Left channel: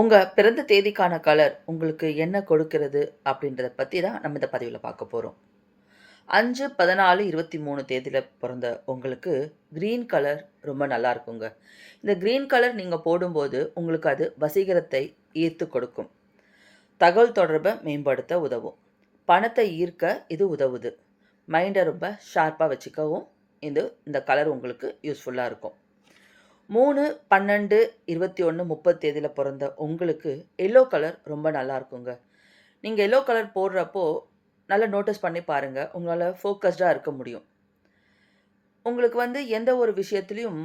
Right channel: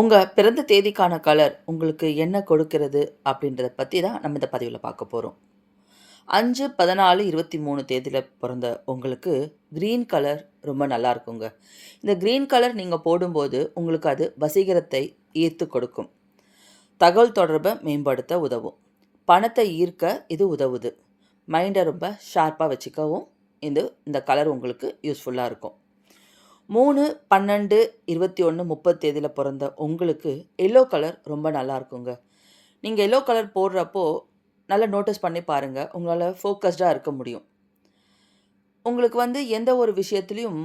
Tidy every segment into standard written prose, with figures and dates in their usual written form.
உங்கள் பிறந்த தேதிக்கான கலர் உங்களுக்கு என்ன கொடுக்கிறது அப்படின்றத பற்றி தான் நம்ம இந்த பதிவில் பார்க்க போகிறோம். 5/14/23 தேதியில் பிறந்த உங்களுக்கு க்ரீன் கலர் ரொம்ப நல்லா இருக்குங்க. இந்த க்ரீன் கலர் நீங்கள் போடும்போது உங்களுக்கு அது வசீகரத்தை ஈர்த்து கொடுக்கும். தகவல் தொடர்பை மேம்படுத்த உதவும். பணத்தை ஈர்க்க இது உதவுது. மைண்டை ரொம்ப ஷார்ப்பாக வச்சுக்கவும் இந்த கலர் உங்களுக்கு யூஸ்ஃபுல்லாக இருக்கும். 3/12/21 தேதியில் பிறந்த உங்களுக்கு எல்லோ கலர் ரொம்ப நல்லா இருக்குங்க. நீங்கள் எல்லோ கலர் போடுறப்போ நல்லா நோட்டீஸ் பண்ணி பாருங்கள். உங்களால் ஃபோக்கஸ்டாக இருக்க முடியும். உங்களுக்கு எந்த ஒரு விஷயத்துலையும்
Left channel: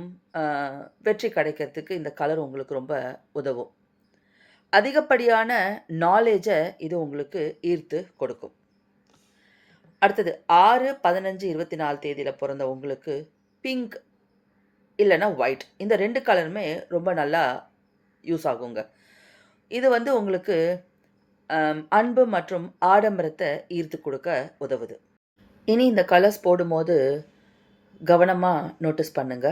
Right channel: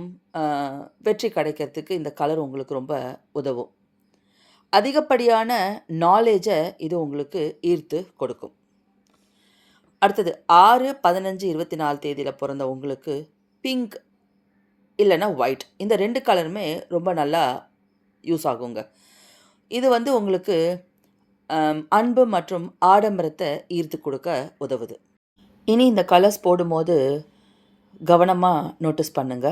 வெற்றி கிடைக்கிறதுக்கு இந்த கலர் உங்களுக்கு ரொம்ப உதவும். அதிகப்படியான நாலேஜை இது உங்களுக்கு ஈர்த்து கொடுக்கும். அடுத்தது 6/15/24 தேதியில் பிறந்த உங்களுக்கு பிங்க் இல்லைன்னா ஒயிட் இந்த 2 கலருமே ரொம்ப நல்லா யூஸ் ஆகுங்க. இது உங்களுக்கு அன்பு மற்றும் ஆடம்பரத்தை ஈர்த்து கொடுக்க உதவுது. இனி இந்த கலர்ஸ் போடும்போது கவனமாக நோட்டீஸ் பண்ணுங்க.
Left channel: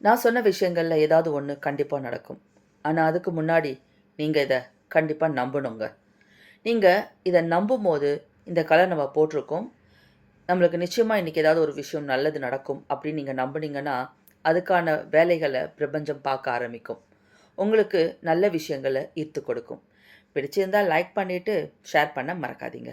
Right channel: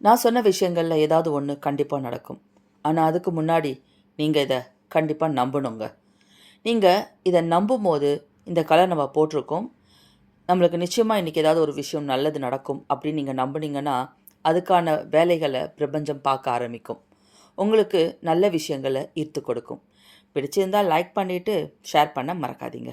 நான் சொன்ன விஷயங்களில் ஏதாவது ஒன்று கண்டிப்பாக நடக்கும். ஆனால் அதுக்கு முன்னாடி நீங்கள் இதை கண்டிப்பாக நம்பணுங்க. நீங்கள் இதை நம்பும்போது இந்த கலர் நம்ம போட்டிருக்கோம், நம்மளுக்கு நிச்சயமாக இன்றைக்கி ஏதாவது ஒரு விஷயம் நல்லது நடக்கும் அப்படின்னு நீங்கள் நம்புனீங்கன்னா அதுக்கான வேலைகளை பிரபஞ்சம் பார்க்க ஆரம்பிக்கும். உங்களுக்கு நல்ல விஷயங்களை ஈர்த்து கொடுக்கும். பிடிச்சிருந்தால் லைக் பண்ணிவிட்டு ஷேர் பண்ண மறக்காதீங்க.